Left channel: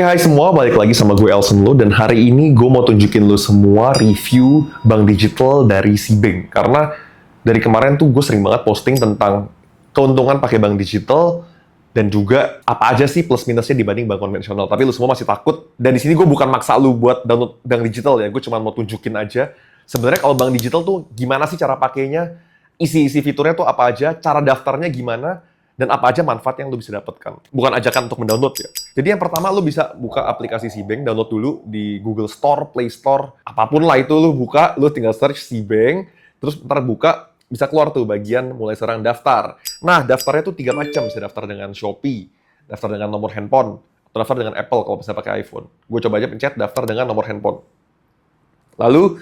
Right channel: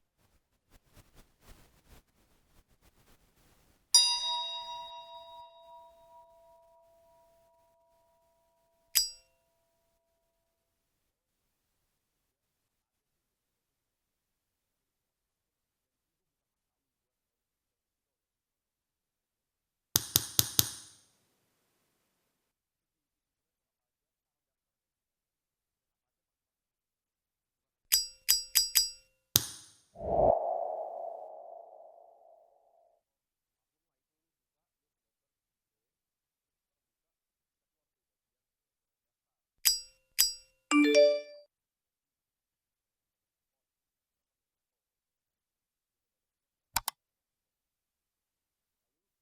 Oke, hai semua, balik lagi sama gue Elson Lo, dan hari ini gue mau tunjukin lo semua review bank digital dari Cbank. Karena dari kemarin tuh gue sering banget posting tentang keuntungan pakai bank digital dan juga apa aja sih plus minusnya dibanding bank konvensional. Tapi lo semua masih takut, dan di sini gue bukan maksa lo buat download bank digital ya, gue cuma mau tunjukin aja. Sebenarnya kalau bank digital tuh gimana sih cara pakainya, isi-isi fiturnya tuh apa aja, cara daftarnya gimana, dan apa aja manfaat yang lo bisa dapatkan. Bukan ajakan untuk mendownload ya. Jadi yang pertama lo bisa buka aplikasi Cbank, download dulu di Google Store, Play Store, apapun lah itu lo buka, lo tinggal search Cbank, terus ntar buka, bisa keluar tuh bagian mulai sekarang daftar. Nah, daftarnya tuh 3 macam, bisa daftar dengan Shopee, daftar dengan nomor handphone, atau daftar dengan Apple kalau bisa pakai iPhone. Gue coba aja pencet daftar dengan nomor handphone. Lalu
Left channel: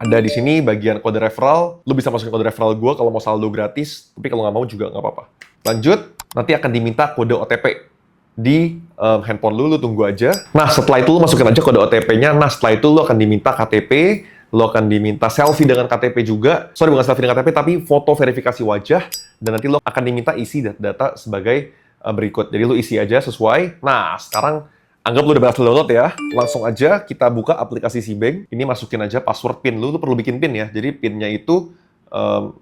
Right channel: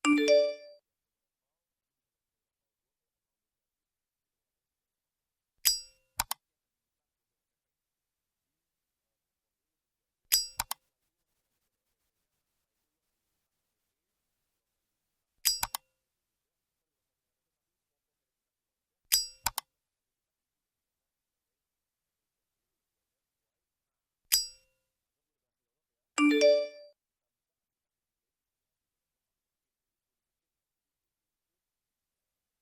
ada di sini bagian kode referral, lo bisa masukin kode referral gue kalau mau saldo gratis, tapi kalau nggak mau juga nggak apa-apa. Lanjut, nanti akan diminta kode OTP di handphone lu tunggu aja. Nah, setelah itu lu masukin aja kode OTP-nya. Nah, setelah itu lu akan diminta KTP, lu akan diminta selfie dengan KTP juga. Sorry, bukan selfie dengan KTP, tapi foto verifikasi wajah. Dan nanti lu akan diminta isi data sebagai berikut. Jadi lu isi aja sesuai. Nah, sekarang anggap lu udah berhasil download ya. Langsung aja kita buka aplikasi Cbank. Ini masukin aja password PIN. Lu tuh perlu bikin PIN ya. Jadi PIN-nya itu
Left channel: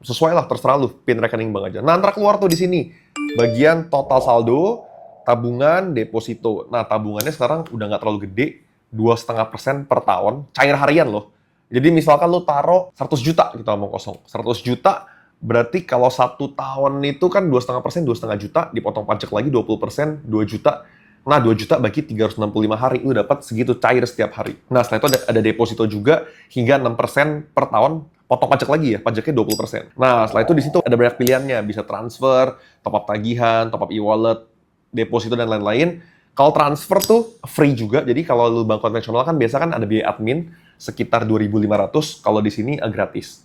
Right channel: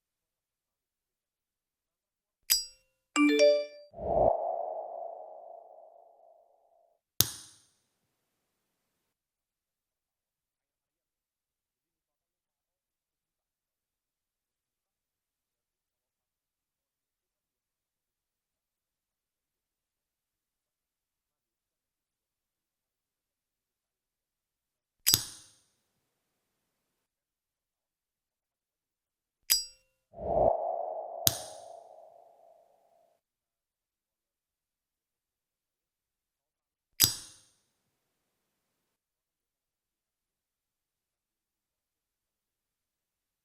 sesuai lah, terserah lu, PIN rekening bank aja. Nah, ntar keluar tuh di sini bagian total saldo, tabungan, deposito. Nah, tabungannya sekarang udah nggak terlalu gede, 2,5% per tahun, cair harian loh. Jadi misalkan lu taruh 100 juta, kita ngomong kosong, 100 juta, berarti kalau 1 tahun itu kan 2,5%, 2,5 juta, dipotong pajak lagi 20%, 2 juta. Nah, 2 juta bagi 365 hari, lu dapat segitu cair setiap hari. Nah, setelah itu ada deposito juga, hingga 6% per tahun, potong pajak lagi ya, pajaknya 20%. Nah, setelah itu di situ ada banyak pilihannya, bisa transfer, top up tagihan, top up e-wallet, deposito, dan lain-lain. Kalau transfer tuh free juga, jadi kalau lu bank konvensional kan biasa kan ada biaya admin sekitar 2.500, kalau di sini gratis.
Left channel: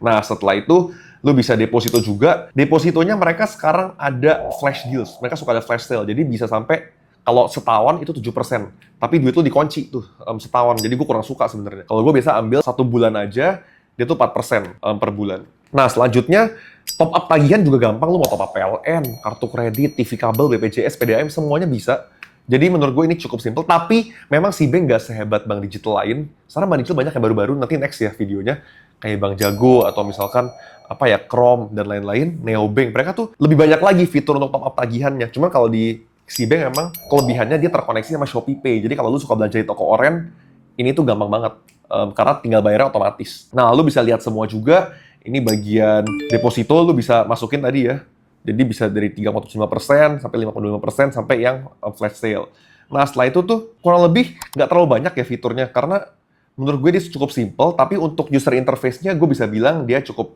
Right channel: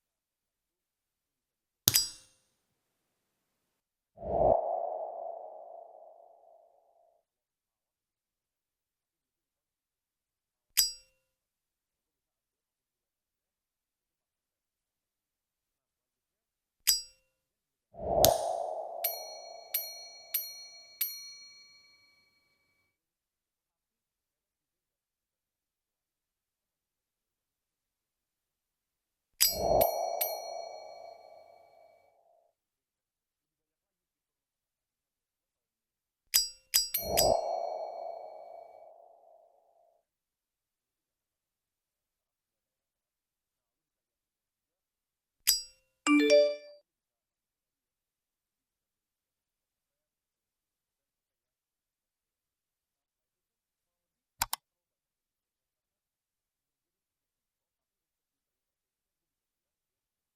Nah, setelah itu lu bisa deposito juga. Depositonya mereka sekarang ada flash deals, mereka suka ada flash sale, jadi bisa sampai kalau setahun itu 7%, tapi duit lu dikunci tuh setahun. Jadi gue kurang suka sebenarnya. Kalau gue biasa ambil 1 bulan aja, dia tuh 4% per bulan. Nah, selanjutnya top up tagihan juga gampang. Lu mau top up PLN, kartu kredit, TV kabel, BPJS, PDAM, semuanya bisa. Jadi menurut gue ini cukup simple, tapi memang Cbank nggak sehebat bank digital lain. Sekarang bank digital banyak yang baru-baru, nanti next ya videonya. Kayak Bank Jago, atau misalkan apa ya, Chrome, dan lain-lain, Neobank. Mereka tuh lebih banyak lagi fitur untuk top up tagihannya. Cuman kalau di Cbank memang kelebihannya dia terkoneksi sama ShopeePay. Jadi kalau lu suka belanja di toko oren, ini tuh gampang banget. Karena tinggal bayarnya otomatis. Nah, lu bisa lihat semua juga. Ini bagian deposito, lu bisa masukin tadi ya. Jadi bisa dari 3,5% sampai 5,25% sampai yang flash sale. Nah, setelah itu tuh kurang lebih nggak terlalu banyak ya fiturnya. Karena menurut gue dia cukup simple, tapi untuk user interface-nya gue bisa bilang dia cukup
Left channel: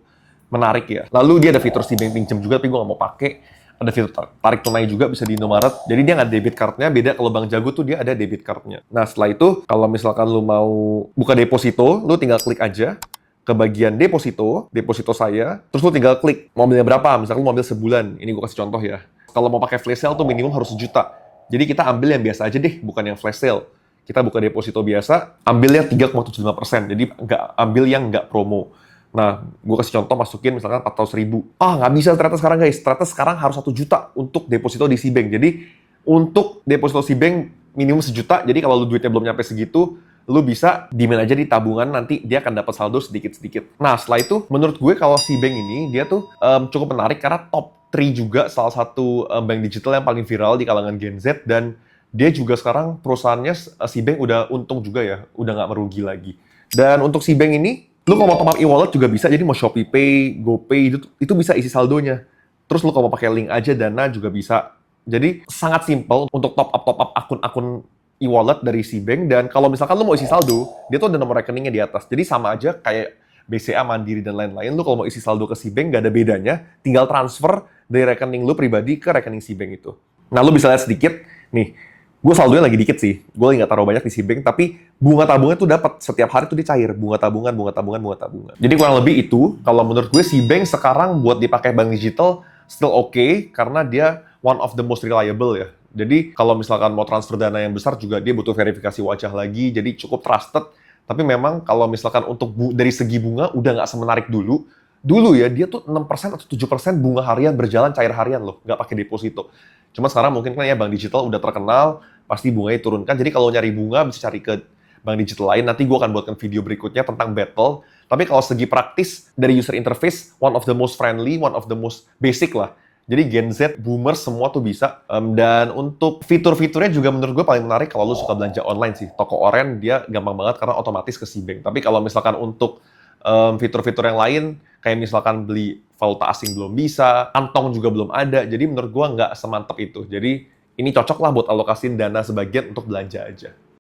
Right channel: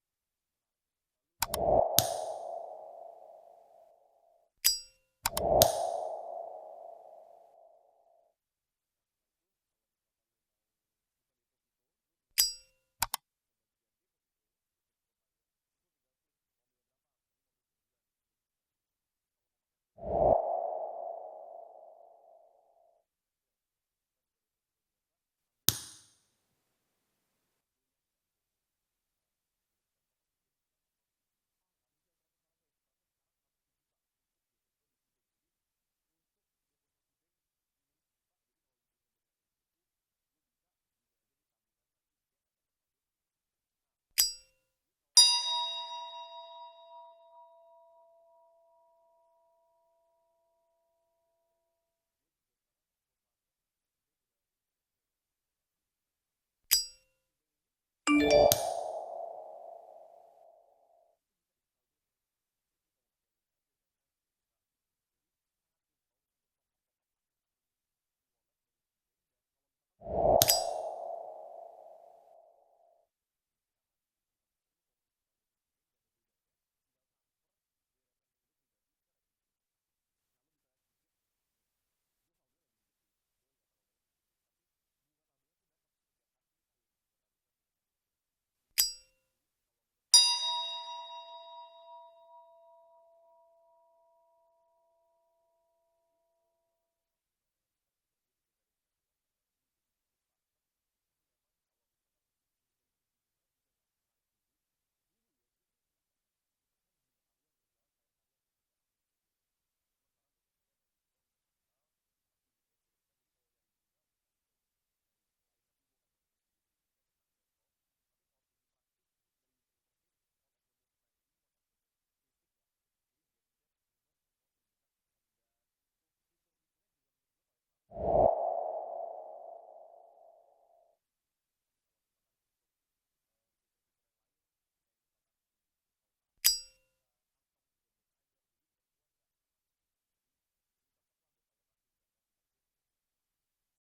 menarik ya. Lalu dia ada fitur Cbank pinjam juga, tapi gue nggak mau pakai. Ada fitur tarik tunai juga, bisa di Indomaret. Jadi dia nggak debit card-nya, beda kalau Bank Jago tuh dia ada debit card-nya. Nah, setelah itu, kalau misalkan lu mau buka deposito, lu tinggal klik aja ke bagian deposito saya, terus lu tinggal klik mau ambilnya berapa, misalkan lu mau ambil sebulan. Ini gue kasih contoh ya. Kalau mau pakai flash sale tuh minimum harus 1 juta. Jadi kita ambil yang biasa aja deh, bukan yang flash sale. Kita buka deposito biasa, ambilnya 3,75%. Jadi nggak ambil yang nggak promo. Nah, gue kasih contoh, masukin misalkan 400.000. Nggak bisa ternyata sekarang guys. Ternyata sekarang harus 1 juta untuk deposito di Cbank. Jadi, untuk deposito Cbank minimum 1 juta. Jadi kalau lu duitnya belum nyampe segitu, lu bisa demand aja di tabungan, nanti dia akan dapat saldo sedikit-sedikit. Nah, setelah itu, menurut gue kalau Cbank ini, dia tuh cukup menarik karena top 3 juga salah satu bank digital yang paling viral di kalangan Gen Z, dan dia juga sekarang perusahaannya, Cbank udah untung juga ya, udah nggak merugi lagi. Dan untuk Cbank ini, lu kalau mau top up e-wallet juga bisa, jadi mau ShopeePay, GoPay, itu bisa isi saldonya. Terus lu kalau mau pakai link aja Dana juga bisa. Jadi sangat simple untuk top up akun-akun e-wallet dari Cbank, dan kalau misalkan lu mau isi saldo, dia tuh ada nomor rekeningnya di atas. Jadi sama aja kayak BCA, Mandiri, dan lain-lain. Lu kalau mau isi saldo ke Cbank, nggak ada bedanya. Tinggal transfer dari rekening lu pribadi ke rekening Cbank itu. Nah, lu bisa lihat sedikit, nih, gue saldonya lagi dikit sih, gue nggak taruh banyak di Cbank, tapi bunga tabungan tuh dapat setiap hari tuh dicair, bunga tabungan. Jadi kurang lebih itu, kalau menurut gue Cbank sekarang buat dipakai bank digital still oke, karena dia one of the most reliable ya. Jadi kalau misalkan mau transfer dana yang besar juga dia butuh verifikasi wajah lagi, jadi cukup trusted. Tapi memang kalau misalkan untuk dari segi bunga udah nggak semenarik dulu. Dulu ya, dia tuh 6% atau 7% bunga harian berjalan cair harian loh, nggak pakai deposito. Cuma sekarang mungkin kan ya bank digital udah terkenal, pasti bunganya turunkan. Jadi kalau nyari bunga bisa cari ke bank digital lain. Nanti gue akan buatkan video berikutnya tentang battle. Tapi kalau segi praktis dari user interface, one of the most friendly, one of the most basic lah. Jadi Gen Z, Boomers, semua tuh bisa. Dan untuk fitur-fiturnya juga menurut gue paling menarik kalau lu suka belanja online sih. Toko oren dia gampang banget karena otomatis ke Cbank. Tapi kalau misalkan untuk fitur-fitur yang lain, kayak misalkan beli valuta asing belum bisa, kantong juga belum ada. Jadi menurut gue nggak semantap itu. Jadi ini cocok lah buat alokasiin dana sebagian untuk belanja aja.